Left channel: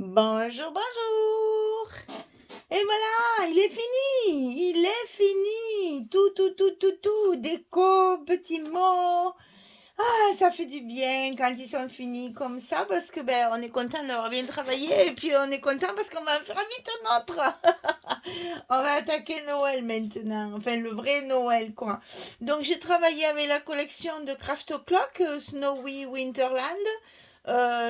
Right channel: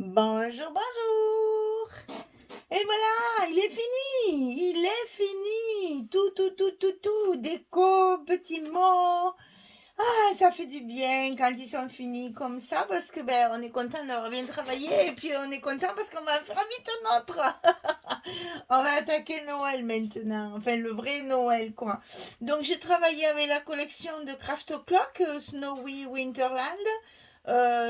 Bonjour, bonjour. Et voilà, il est fini. Tout, déco, petits mots. Ah, ça fait du bien quand ils sont finis comme ça parce que ben on est content d'avoir bien travaillé et puis on est content parce qu'on va faire vite un autre. On va attaquer Noël maintenant, enfin le vrai Noël quoi. Donc j'ai travaillé avec la collection de Craft O'Clock Snowy Winterland.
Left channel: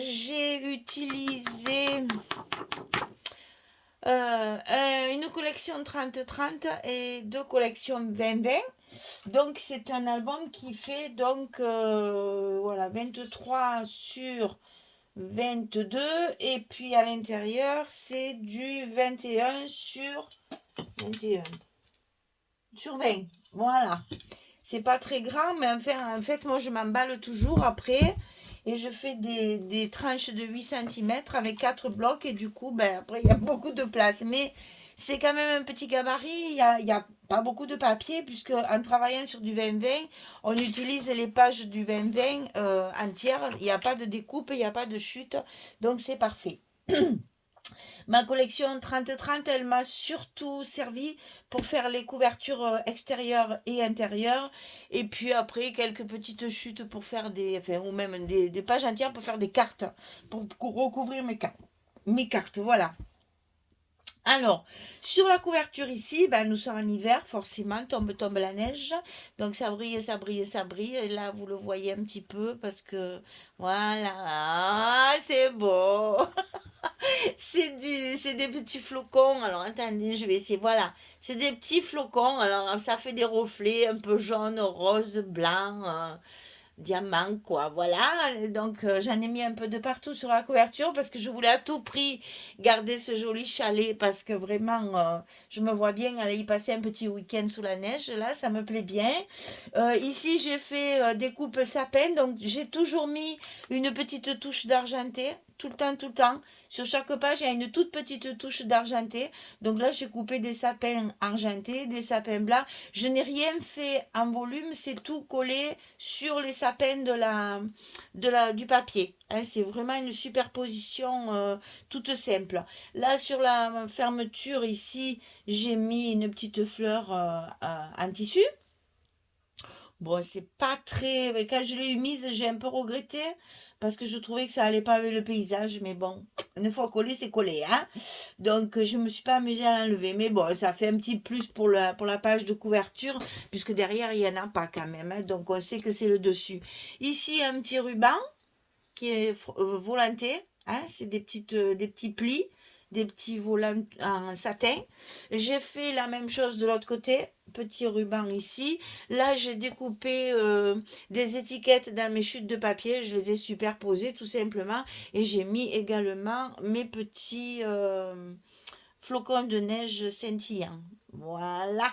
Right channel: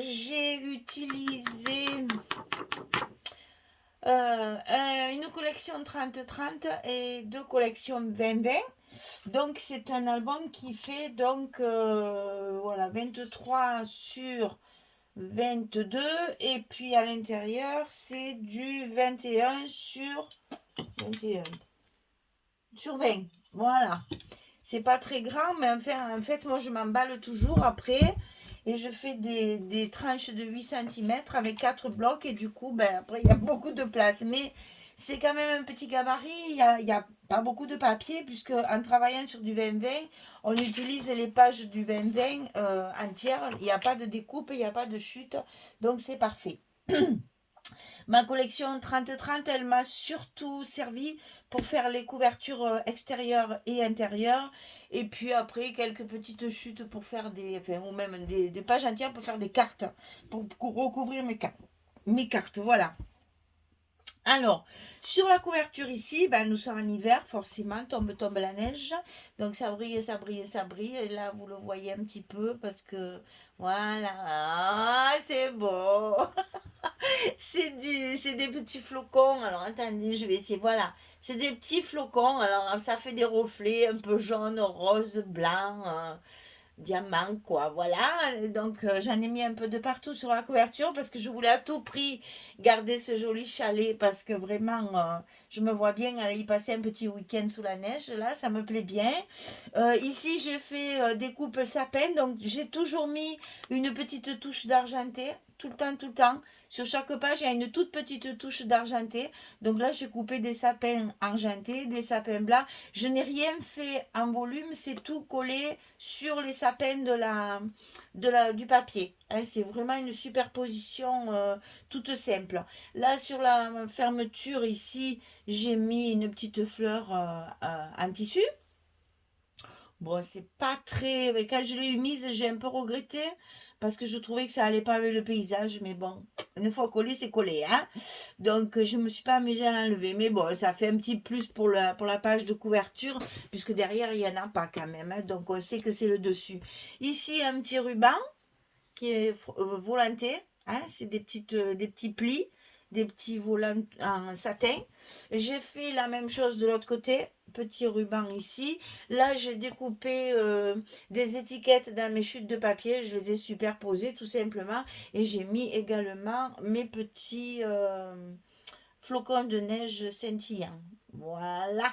J'ai utilisé une collection 30-30 et deux collections 20-20. Donc c'est un album qui fait donc voilà 23 sur 22 et puis à l'intérieur c'est du 21 sur 21 sur 20. Voilà. C'est pas très grand, mais enfin, en fait, moi, je m'emballe toujours après et je fais des tranches de 8 centimètres avec 4 blocs et du coup, ben, après, il y a beaucoup de place. Mais c'est quand même un petit gabarit, il y a pas beaucoup de papier puisque en travaillant sur du 20-20, on utilise les pages du 20-20 entières. Il n'y a pas de découpe, il n'y a pas de chute, donc c'est parfait. Ma collection 30-30, elle m'a surtout servi pour faire les couvertures extérieures et intérieures. Et puis après, quelques petites chutes pour faire enfin, ou même des pages entières pour faire des cartes, pour recouvrir mes cartes, voilà. Alors, sur la couverture ici, ben, nous sommes en hiver, forcément, tombe la neige. Donc ça brille, ça brille, ça brille. Et là, vous le voyez un petit peu parce que, voilà, c'est beau. C'est des petits flocons. Alors attendez, je vais essayer. Voilà, c'est des petits flocons. Alors ça fait des reflets un peu jaune, rose, blanc, diamant, quoi. Voilà. Donc j'en ai mis un peu de partout sur la couverture parce que je voulais à tout prix garder ce joli chalet parce que vraiment, je me vois bien aller y passer un petit week-end sous la neige. Là, ça me plaît bien. Ici, j'ai fait des coupes sapin. Donc j'ai toujours mis une petite touche d'argenté. Tout le temps, tout le temps. Sur chaque page, il y a une toute petite touche d'argenté. Donc là, j'ai coupé des sapins argentés, des sapins blancs. Je n'ai rien fait en volume, c'est tout collé sur les sapins du papier. Hein, c'est vraiment une superposition toute simple. Là, sur la fermeture, ici, j'ai mis une petite fleur en tissu. Bon, c'est pas très. Quand je l'ai mise, j'ai un peu regretté parce que je trouvais que ça allait pas avec le paysage. Mais bon, une fois collé, c'est collé, hein. Donc, je me suis pas amusée à l'enlever. Mais bon, ça fait un petit plus pour la page de couverture, puisque derrière, il y en a pas quand même, hein. Donc, on sait que c'est le dessus. Ici, un petit ruban qui est volanté. Hein, c'est des petits plis, des petits volants en satin. J'ai fait la même chose de l'autre côté. Petit ruban ici. Là, j'ai découpé des étiquettes dans mes chutes de papier. Je les ai superposées tout simplement. Et j'ai mis également mes petits flocons de neige scintillants. Voilà.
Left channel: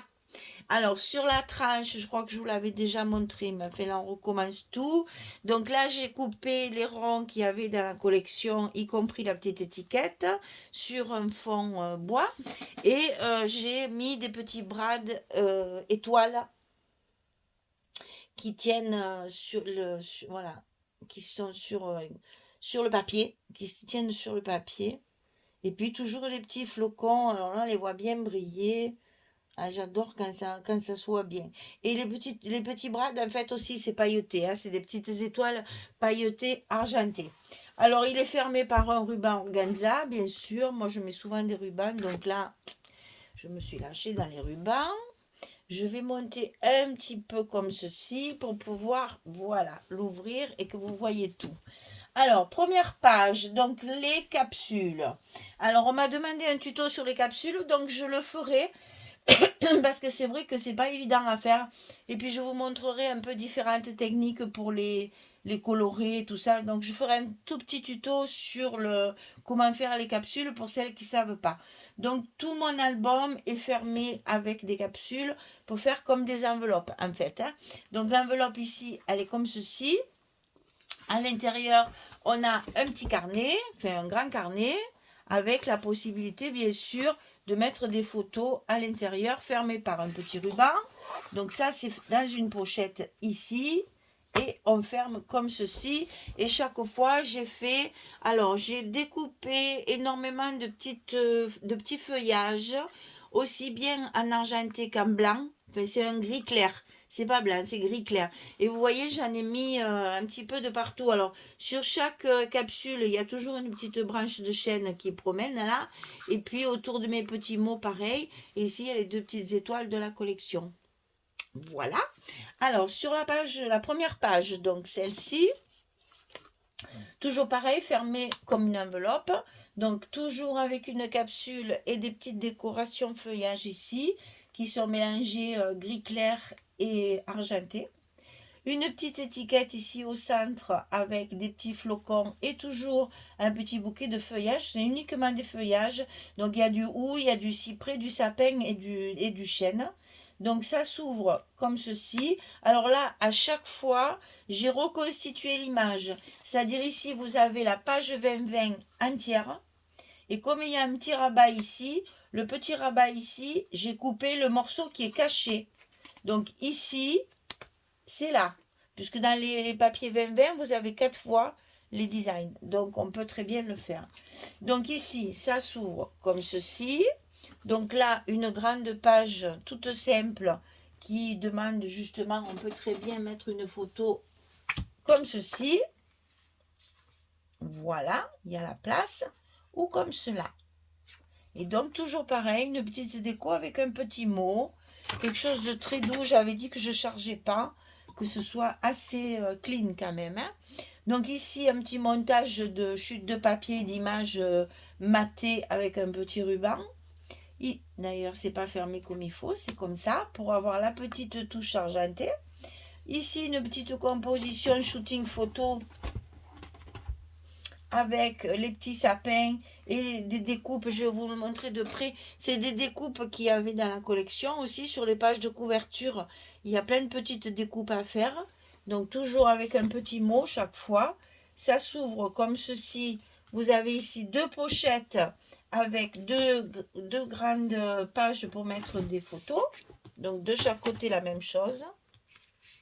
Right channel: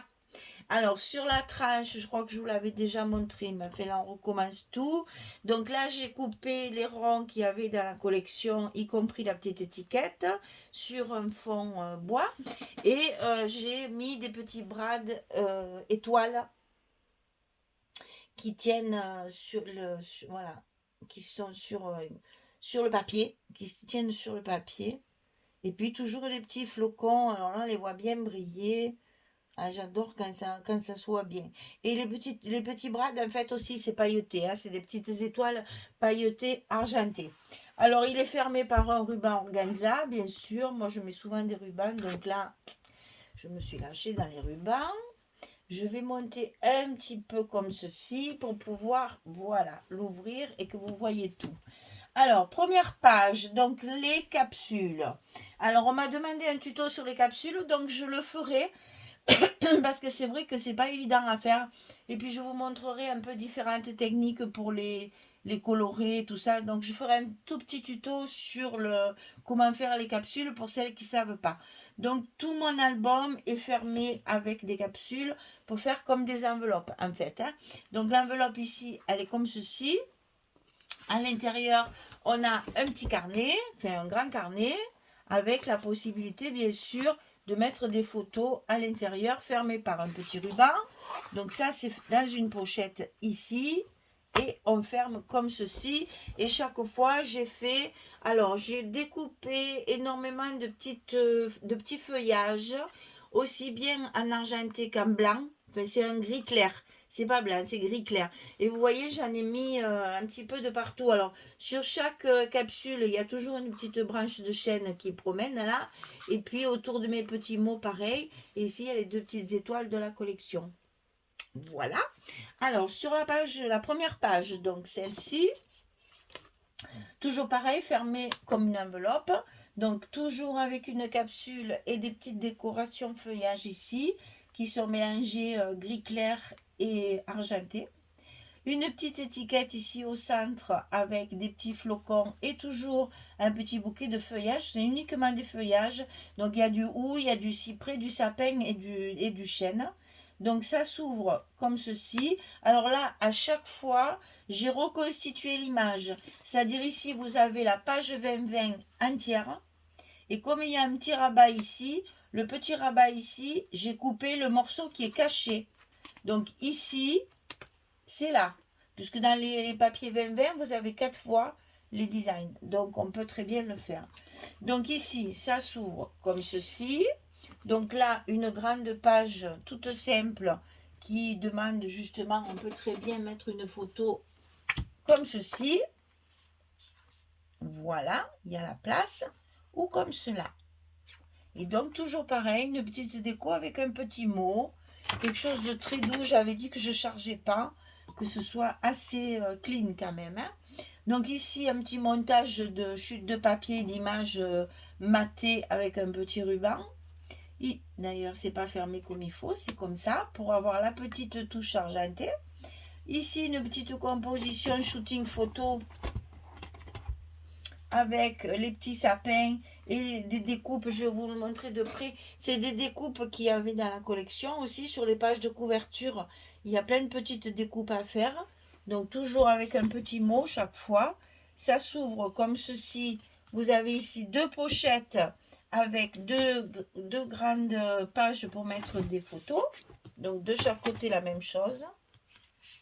Alors, sur la tranche, je crois que je vous l'avais déjà montré, mais enfin, là, on recommence tout. Donc là, j'ai coupé les ronds qu'il y avait dans la collection, y compris la petite étiquette, sur un fond bois. Et j'ai mis des petits brades étoiles qui tiennent voilà, qui sont sur le papier, qui se tiennent sur le papier. Et puis toujours les petits flocons, alors là, on les voit bien briller. Ah, j'adore quand ça soit bien. Et les petits bras, en fait, aussi, c'est pailleté, hein, c'est des petites étoiles pailletées argentées. Alors, il est fermé par un ruban organza, bien sûr. Moi, je mets souvent des rubans, donc là, je me suis lâchée dans les rubans. Je vais monter un petit peu comme ceci pour pouvoir, voilà, l'ouvrir et que vous voyez tout. Alors, première page, donc les capsules. Alors, on m'a demandé un tuto sur les capsules, donc je le ferai. Parce que c'est vrai que c'est pas évident à faire. Et puis je vous montrerai un peu différentes techniques pour les colorer, tout ça. Donc je ferai un tout petit tuto sur comment faire les capsules pour celles qui ne savent pas. Donc tout mon album est fermé avec des capsules pour faire comme des enveloppes en fait, hein. Donc l'enveloppe ici, elle est comme ceci. À l'intérieur, on a un petit carnet, enfin un grand carnet, avec la possibilité bien sûr de mettre des photos à l'intérieur fermées par un petit ruban. Donc ça c'est dans une pochette ici et on ferme comme ceci et chaque fois j'ai fait Alors, j'ai découpé énormément de petits feuillages, aussi bien en argenté qu'en blanc. Enfin, c'est un gris clair. C'est pas blanc, c'est gris clair. Et vous voyez, j'en ai mis un petit peu de partout. Alors, sur chaque capsule, il y a toujours une petite branche de chêne qui promène là. Et puis, autour de mes petits mots, pareil. Et ici, il y a les deux petites étoiles de la collection. Voilà. Alors, sur la première page, donc celle-ci, toujours pareil, fermé comme une enveloppe. Donc toujours avec une capsule et des petites décorations feuillage ici qui sont mélangées gris clair et argenté. Une petite étiquette ici au centre avec des petits flocons et toujours un petit bouquet de feuillage. C'est uniquement des feuillages. Donc il y a du hou, il y a du cyprès, du sapin et du chêne. Donc ça s'ouvre comme ceci. Alors là, à chaque fois, j'ai reconstitué l'image. C'est-à-dire ici, vous avez la page 20-20 entière. Et comme il y a un petit rabat ici, le petit rabat ici, j'ai coupé le morceau qui est caché. Donc ici, c'est là. Puisque dans les papiers 20-20, vous avez 4 fois les designs. Donc on peut très bien le faire. Donc ici, ça s'ouvre comme ceci. Donc là, une grande page toute simple qui demande justement, on peut très bien mettre une photo comme ceci. Voilà, il y a la place. Ou comme cela. Et donc toujours pareil, une petite déco avec un petit mot. Quelque chose de très doux. J'avais dit que je ne chargeais pas. Que ce soit assez clean quand même. Hein. Donc ici, un petit montage de chute de papier, d'image matée avec un petit ruban. D'ailleurs, c'est pas fermé comme il faut, c'est comme ça, pour avoir la petite touche argentée. Ici, une petite composition shooting photo avec les petits sapins et des découpes, je vais vous le montrer de près. C'est des découpes qu'il y avait dans la collection aussi sur les pages de couverture. Il y a plein de petites découpes à faire. Donc toujours avec un petit mot chaque fois. Ça s'ouvre comme ceci. Vous avez ici deux pochettes avec deux grandes pages pour mettre des photos. Donc de chaque côté la même chose.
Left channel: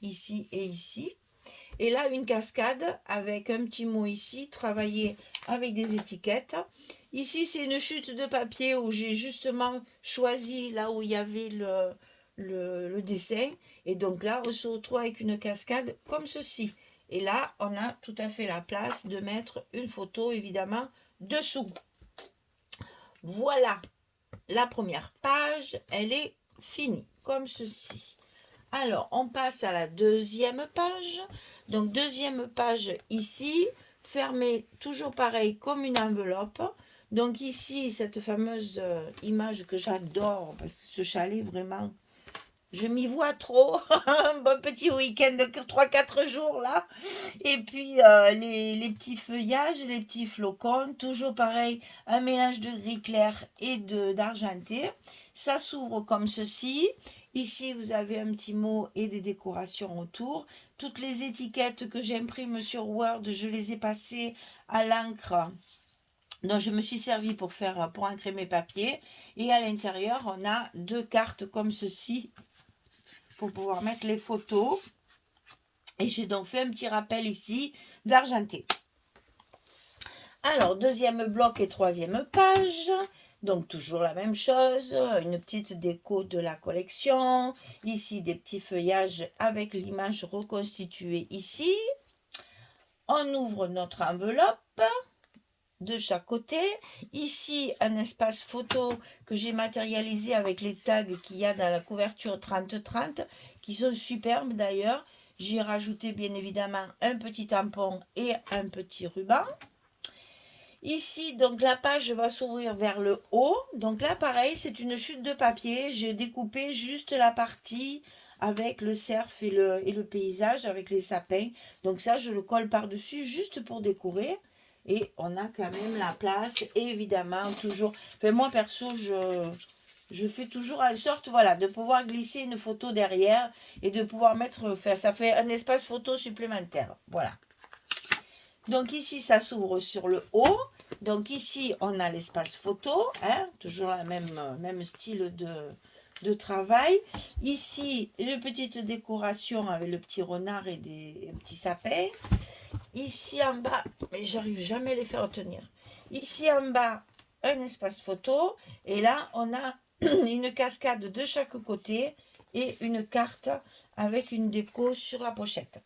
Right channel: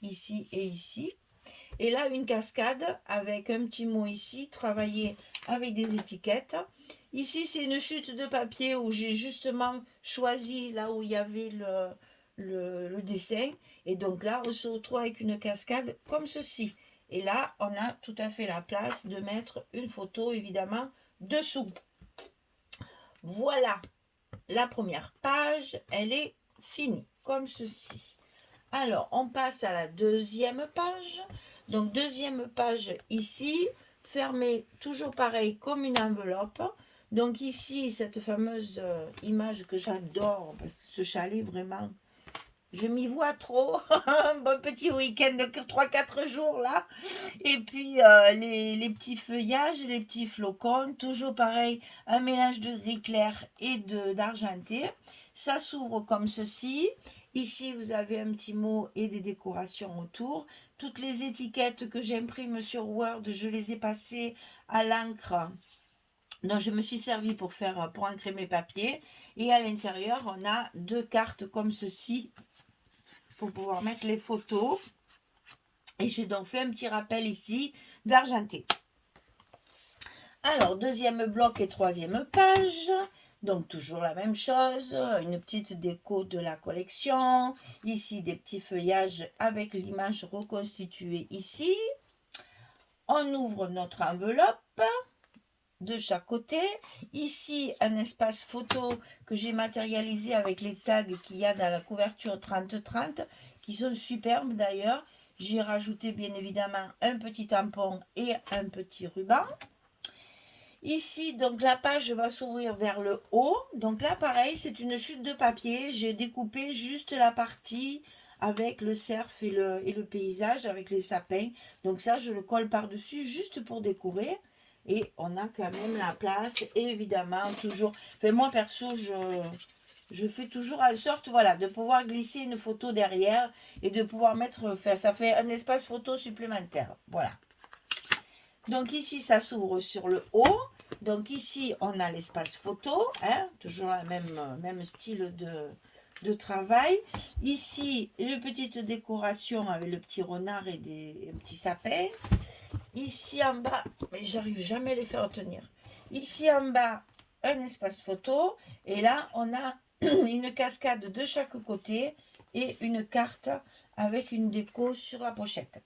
Ici et ici. Et là, une cascade avec un petit mot ici, travaillé avec des étiquettes. Ici, c'est une chute de papier où j'ai justement choisi là où il y avait le dessin. Et donc là, on se retrouve avec une cascade comme ceci. Et là, on a tout à fait la place de mettre une photo, évidemment, dessous. Voilà, la première page, elle est finie, comme ceci. Alors, on passe à la deuxième page. Donc, deuxième page ici, fermée toujours pareil comme une enveloppe. Donc ici, cette fameuse image que j'adore, parce que ce chalet, vraiment, je m'y vois trop. Un bon petit week-end de 3-4 jours là. Et puis les petits feuillages, les petits flocons, toujours pareil, un mélange de gris clair et d'argenté. Ça s'ouvre comme ceci. Ici, vous avez un petit mot et des décorations autour. Toutes les étiquettes que j'imprime sur Word, je les ai passées à l'encre dont je me suis servi pour encrer mes papiers. Et à l'intérieur, on a deux cartes comme ceci pour pouvoir mettre les photos. Et j'ai donc fait un petit rappel ici d'argenté. Alors, deuxième bloc et troisième page. Donc, toujours la même chose. Une petite déco de la collection. Ici, des petits feuillages avec l'image reconstituée ici. On ouvre notre enveloppe de chaque côté. Ici, un espace photo que j'ai matérialisé avec les tags qu'il y a dans la couverture 30-30, qui sont superbes d'ailleurs. J'ai rajouté bien évidemment un petit tampon et un petit ruban. Ici, donc la page va s'ouvrir vers le haut. Donc là, pareil, c'est une chute de papier. J'ai découpé juste la partie avec le cerf et le paysage, avec les sapins. Donc ça, je le colle par-dessus juste pour décorer. Et on a quand même la place. Et évidemment, toujours... Enfin, moi, perso, je fais toujours en sorte, voilà, de pouvoir glisser une photo derrière et de pouvoir mettre... Enfin, ça fait un espace photo supplémentaire. Voilà. Donc ici, ça s'ouvre sur le haut. Donc ici, on a l'espace photo, hein, toujours le même style de travail. Ici, une petite décoration avec le petit renard et des petits sapins. ici en bas, mais j'arrive jamais à les faire tenir. Ici en bas, un espace photo. Et là, on a une cascade de chaque côté et une carte avec une déco sur la pochette.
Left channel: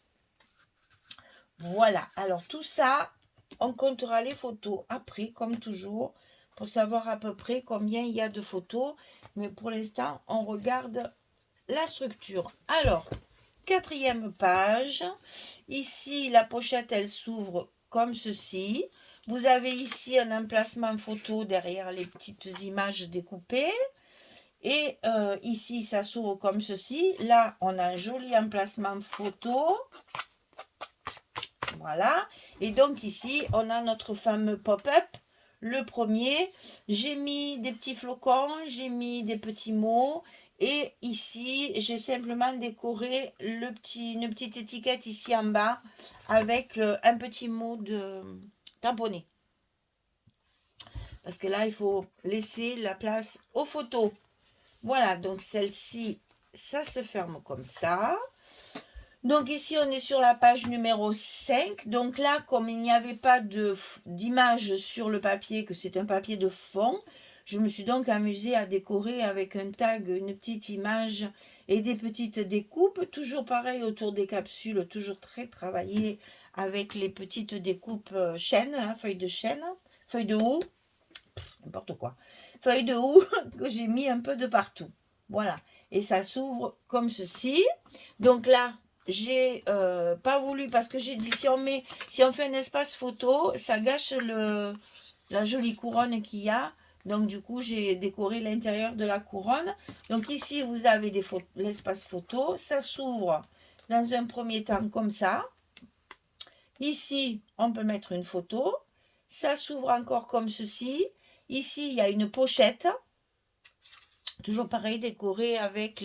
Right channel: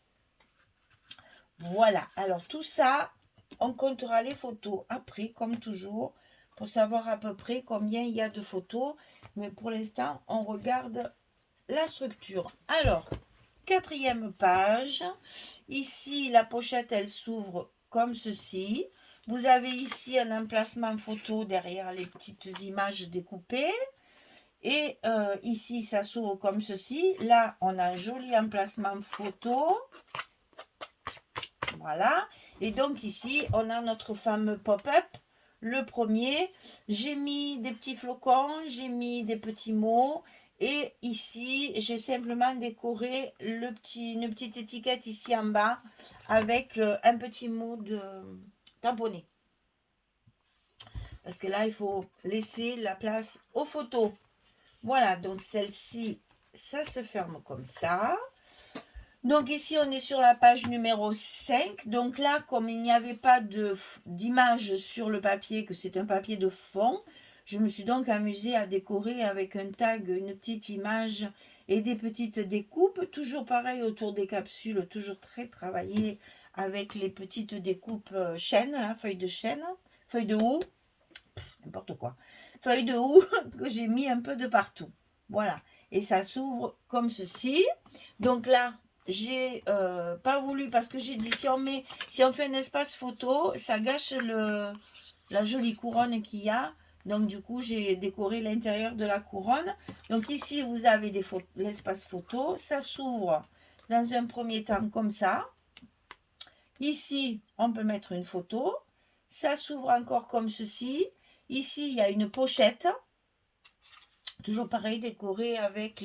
Voilà, alors tout ça, on comptera les photos après, comme toujours, pour savoir à peu près combien il y a de photos. Mais pour l'instant, on regarde la structure. Alors, 4e page. Ici, la pochette, elle s'ouvre comme ceci. Vous avez ici un emplacement photo derrière les petites images découpées. Et ici, ça s'ouvre comme ceci. Là, on a un joli emplacement photo. Voilà. Et donc ici, on a notre fameux pop-up. Le premier, j'ai mis des petits flocons, j'ai mis des petits mots. Et ici, j'ai simplement décoré une petite étiquette ici en bas avec un petit mot de tamponné. Parce que là, il faut laisser la place aux photos. Voilà, donc celle-ci, ça se ferme comme ça. Donc ici, on est sur la page numéro 5. Donc là, comme il n'y avait pas d'image sur le papier, que c'est un papier de fond, je me suis donc amusée à décorer avec un tag, une petite image et des petites découpes. Toujours pareil autour des capsules, toujours très travaillé avec les petites découpes chêne, hein, feuilles de chêne, feuilles de houx, n'importe quoi. Feuilles de houx que j'ai mis un peu de partout. Voilà. Et ça s'ouvre comme ceci. Donc là, j'ai pas voulu, parce que j'ai dit si on fait un espace photo, ça gâche la jolie couronne qu'il y a. Donc du coup, j'ai décoré l'intérieur de la couronne. Donc ici, vous avez l'espace photo. Ça s'ouvre dans un premier temps comme ça. Ici, on peut mettre une photo. Ça s'ouvre encore comme ceci. Ici, il y a une pochette. Toujours pareil, décoré avec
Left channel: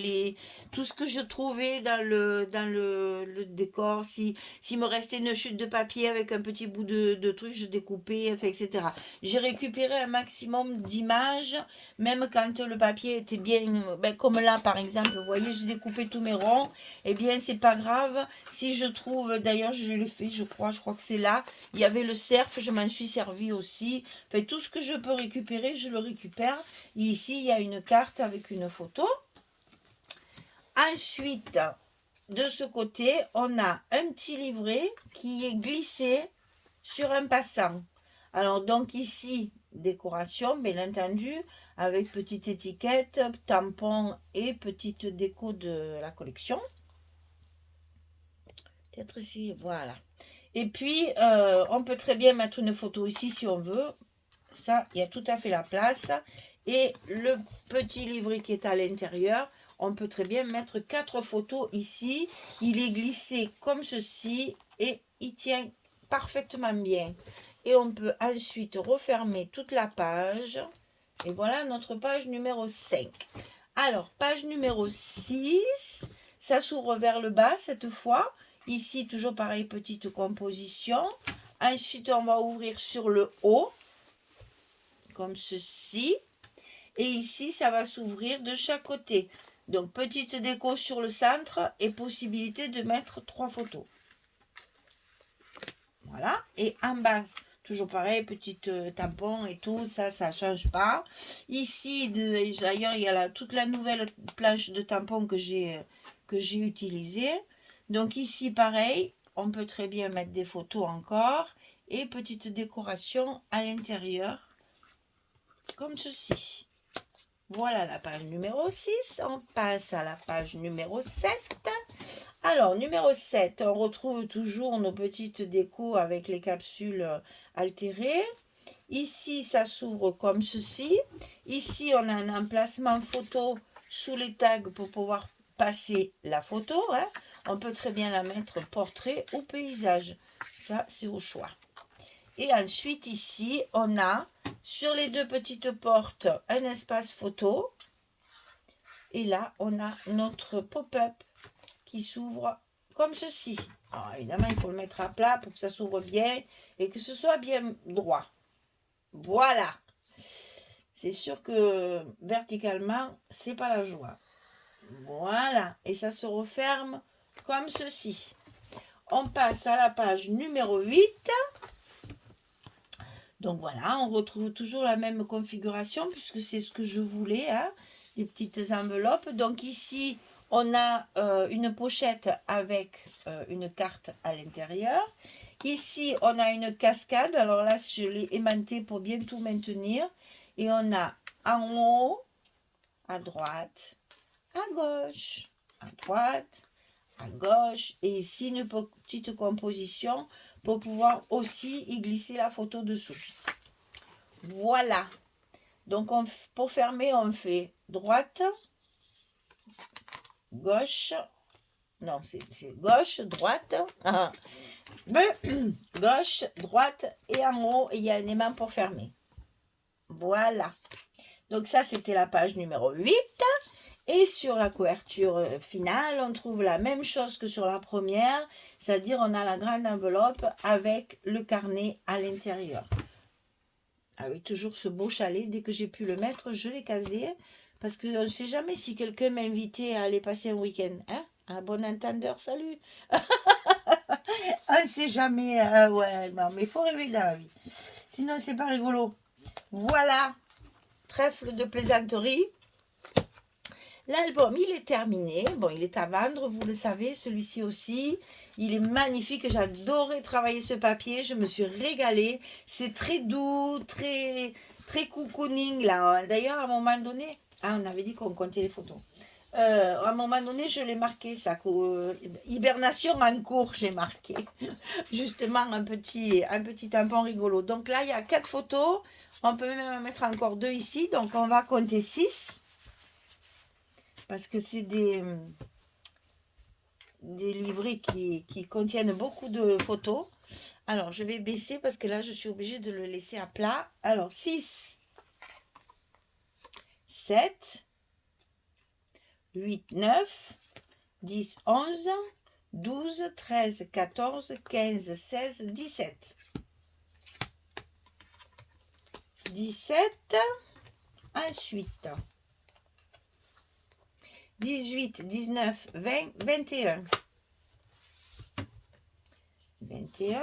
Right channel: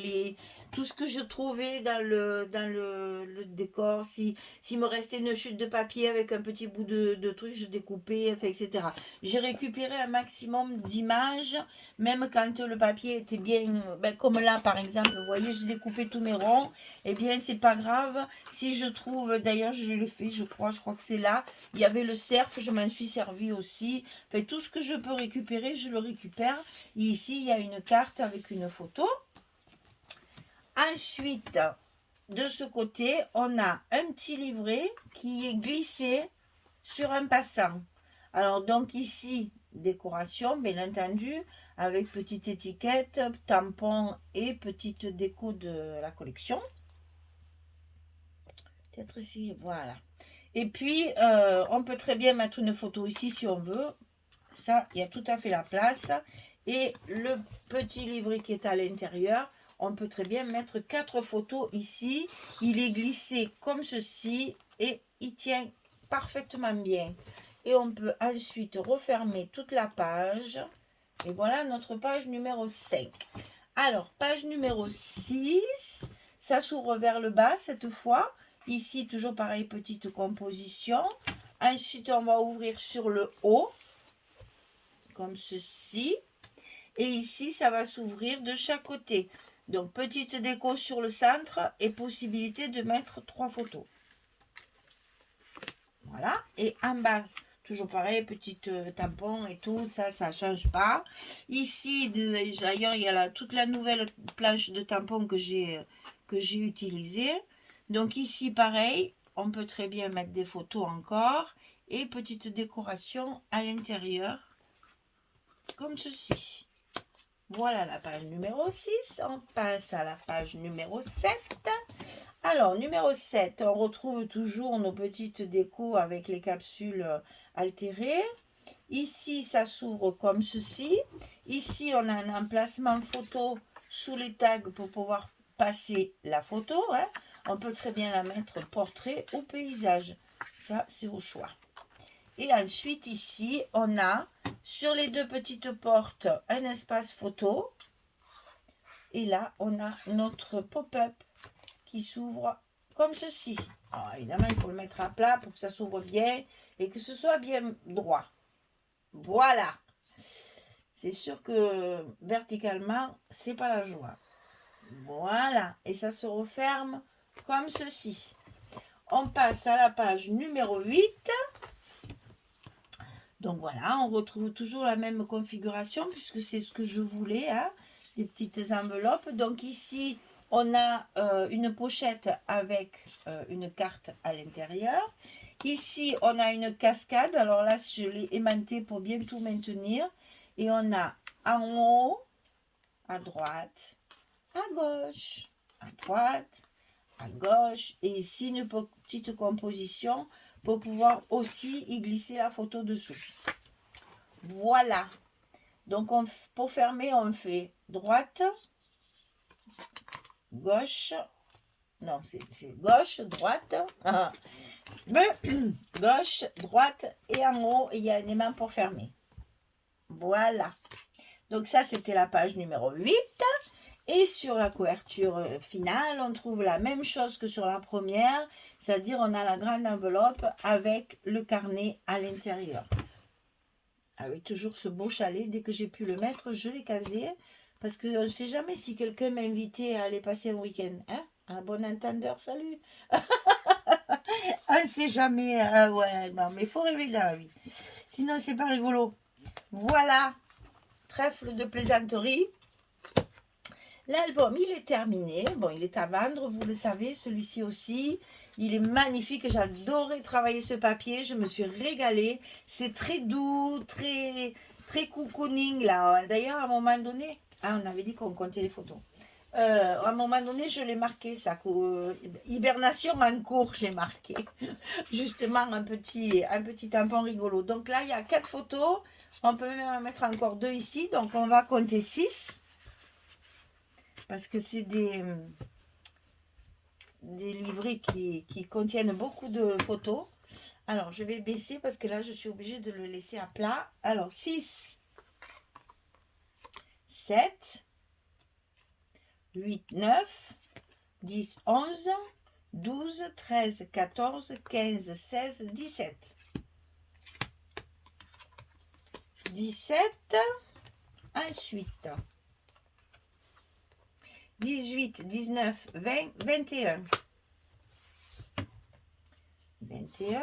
tout ce que je trouvais dans le décor. S'il me restait une chute de papier avec un petit bout de truc, je découpais, enfin, etc. J'ai récupéré un maximum d'images, même quand le papier était bien, comme là par exemple, vous voyez, j'ai découpé tous mes ronds. Eh bien, c'est pas grave. Si je trouve, d'ailleurs, je l'ai fait, je crois que c'est là. Il y avait le cerf, je m'en suis servi aussi. Enfin, tout ce que je peux récupérer, je le récupère. Ici, il y a une carte avec une photo. Ensuite, de ce côté, on a un petit livret qui est glissé sur un passant. Alors, donc ici, décoration, bien entendu, avec petite étiquette, tampon et petite déco de la collection. Peut-être ici, voilà. Et puis, on peut très bien mettre une photo ici si on veut. Ça, il y a tout à fait la place. Et le petit livret qui est à l'intérieur, on peut très bien mettre 4 photos ici. Il est glissé comme ceci et il tient parfaitement bien. Et on peut ensuite refermer toute la page. Et voilà notre page numéro 5. Alors, page numéro 6, ça s'ouvre vers le bas cette fois. Ici, toujours pareil, petite composition. Ensuite, on va ouvrir sur le haut, comme ceci. Et ici, ça va s'ouvrir de chaque côté. Donc, petite déco sur le centre et possibilité de mettre 3 photos. Voilà. Et en bas, toujours pareil, petite tampon et tout, ça ne change pas. Ici, d'ailleurs, il y a toute la nouvelle planche de tampons que j'ai utilisée. Donc ici, pareil, on peut très bien mettre des photos encore. Et petite décoration à l'intérieur, comme ceci. Voilà la page numéro 6. On passe à la page numéro 7. Alors, numéro 7, on retrouve toujours nos petites décos avec les capsules altérées. Ici, ça s'ouvre comme ceci. Ici, on a un emplacement photo sous les tags pour pouvoir passer la photo. Hein. On peut très bien la mettre portrait ou paysage. Ça, c'est au choix. Et ensuite, ici, on a sur les 2 petites portes un espace photo. Et là, on a notre pop-up qui s'ouvre comme ceci. Alors, évidemment, il faut le mettre à plat pour que ça s'ouvre bien et que ce soit bien droit. Voilà. C'est sûr que verticalement, c'est pas la joie. Voilà. Et ça se referme comme ceci. On passe à la page numéro 8. Donc voilà, on retrouve toujours la même configuration puisque c'est ce que je voulais, hein, les petites enveloppes. Donc ici, on a une pochette avec une carte à l'intérieur. Ici, on a une cascade. Alors là, je l'ai aimantée pour bien tout maintenir. Et on a en haut, à droite, à gauche, à droite, à gauche. Et ici, une petite composition pour pouvoir aussi y glisser la photo dessous. Voilà. Donc, pour fermer, on fait droite, gauche. Non, c'est gauche, droite. Gauche, droite. Et en haut, il y a un aimant pour fermer. Voilà. Donc, ça, c'était la page numéro 8. Et sur la couverture finale, on trouve la même chose que sur la première, c'est-à-dire on a la grande enveloppe avec le carnet à l'intérieur. Avec toujours ce beau chalet, dès que j'ai pu le mettre, je l'ai casé, parce qu'on ne sait jamais si quelqu'un m'a invité à aller passer un week-end. Hein? Un bon entendeur, salut. On ne sait jamais, ouais, non, mais il faut rêver dans la vie. Sinon, c'est pas rigolo. Voilà, trèfle de plaisanterie. L'album, il est terminé. Bon, il est à vendre, vous le savez, celui-ci aussi. Il est magnifique. J'adorais travailler ce papier. Je me suis régalée. C'est très doux, très, très cocooning, là. D'ailleurs, à un moment donné, on avait dit qu'on comptait les photos. À un moment donné, je l'ai marqué, ça. Hibernation en cours, j'ai marqué. Justement, un petit tampon rigolo. Donc là, il y a 4 photos. On peut même en mettre encore 2 ici. Donc, on va compter 6. Parce que c'est des livrets qui contiennent beaucoup de photos. Alors, je vais baisser parce que là, je suis obligée de le laisser à plat. Alors, 6, 7, 8, 9, 10, 11, 12, 13, 14, 15, 16, 17. 17, ensuite. 18, 19, 20, 21. 21.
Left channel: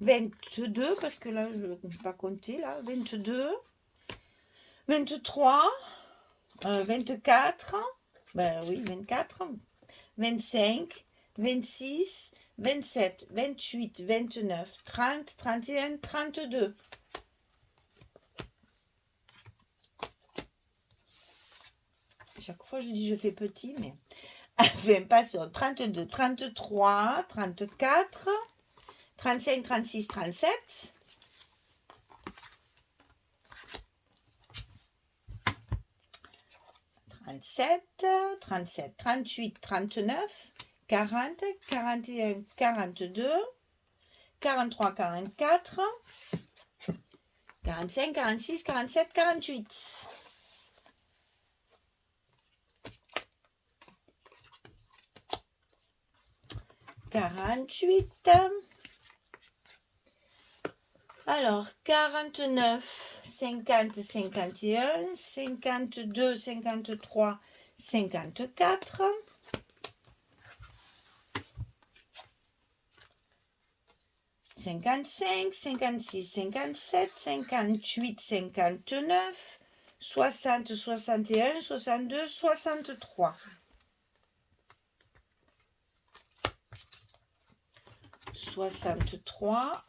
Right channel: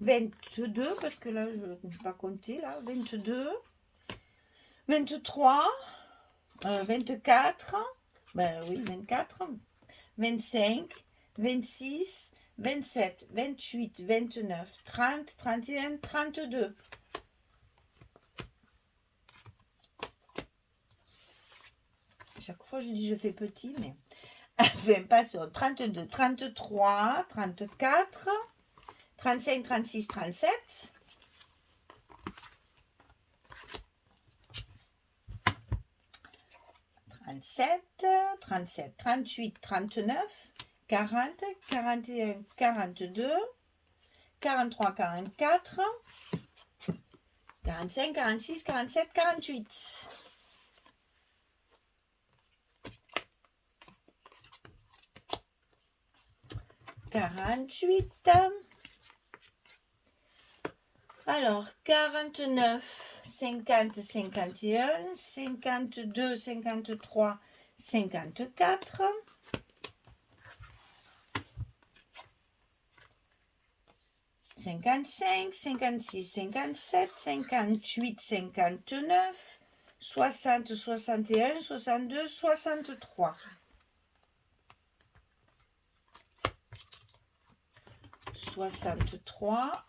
22, parce que là, je ne peux pas compter, là. 22. 23. 24. Ben oui, 24. 25. 26. 27. 28. 29. 30. 31. 32. Chaque fois, je dis je fais petit, mais enfin, passons. 32, 33, 34, 35, 36, 37. 37, 37, 38, 39, 40, 41, 42, 43, 44, 45, 46, 47, 48. 48. Alors, 49, 50, 51, 52, 53, 54. 55, 56, 57, 58, 59, 60, 61, 62, 63. 63.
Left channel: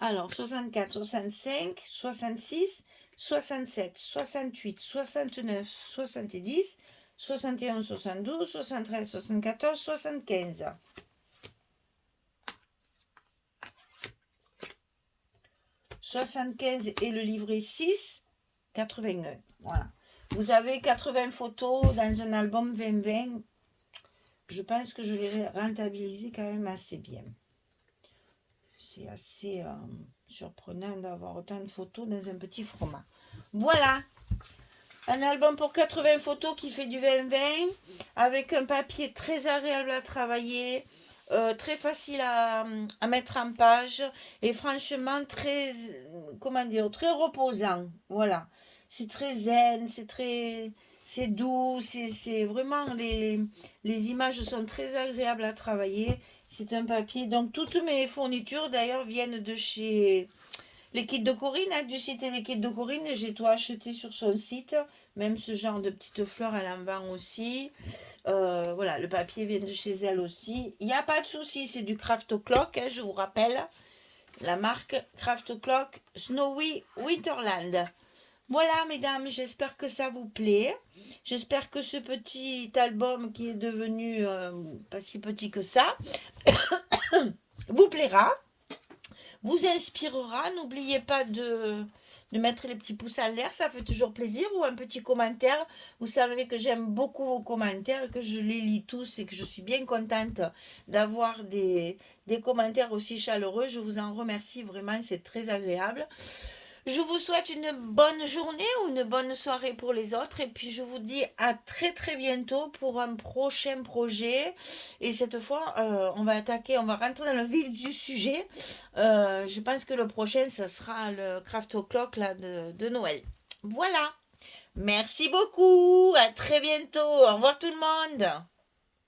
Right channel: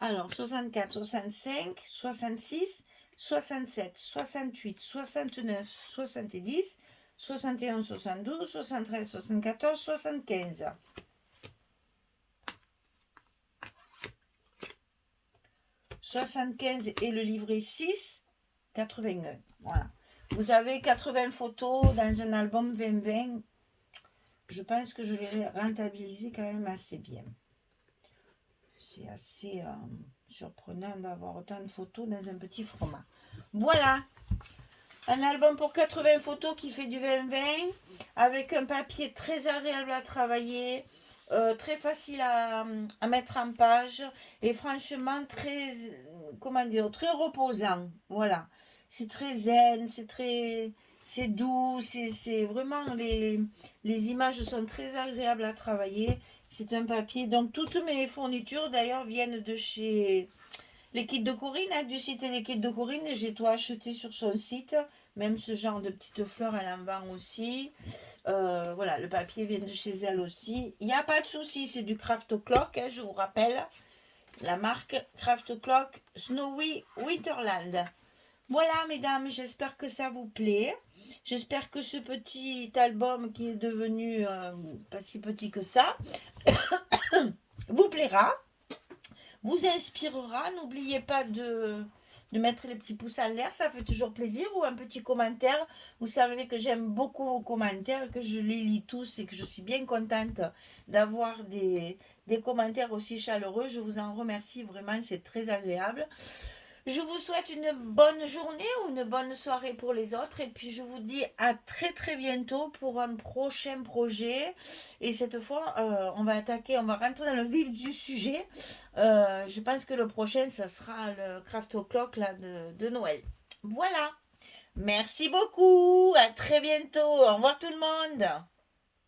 Alors, 64, 65, 66, 67, 68, 69, 70, 71, 72, 73, 74, 75. 75 et le livret 6, 81. Voilà. Vous avez 80 photos dans un album 2020. Je pense que je l'ai rentabilisé quand même assez bien. C'est assez surprenant d'avoir autant de photos dans un petit format. Voilà. Un album pour 80 photos qui fait du 20-20 avec un papier très agréable à travailler, très facile à mettre en page et franchement très, comment dire, très reposant. Voilà. C'est très zen, c'est c'est doux, c'est vraiment, les images sont très agréables à travailler. C'est un papier, donc toutes mes fournitures d'ailleurs viennent de chez les kits de Corinne, hein, du site Les Kits de Corinne. J'ai tout acheté sur son site, même ce genre de petites fleurs, elle en vend aussi. Voilà, le papier vient de chez elle aussi. Il n'y a pas de souci, c'est du Craft Clock, hein, je vous rappelle. La marque Craft Clock Snowy Winterland. Voilà, mesdames, j'espère que ça vous plaît. J'espère que ce petit album qui est devenu pas si petit que ça vous plaira, vous inspirera. N'oubliez pas de mettre les petits pouces en l'air, ça fait toujours plaisir, ou un petit commentaire. Vous savez que j'aime beaucoup vos commentaires, que je les lis tous et que je suis bien contente d'avoir des commentaires aussi chaleureux. Je vous en remercie vraiment, c'est très agréable. Je vous souhaite une bonne journée ou une bonne soirée pour les autres. Et puis je vous dis à très très bientôt pour un prochain projet. Et cette fois, on va attaquer, on va rentrer dans le vif du sujet. Je pense que le prochain, ça sera le Craft O'Clock là, de Noël. Voilà. Merci beaucoup. À très bientôt. Au revoir tout le monde.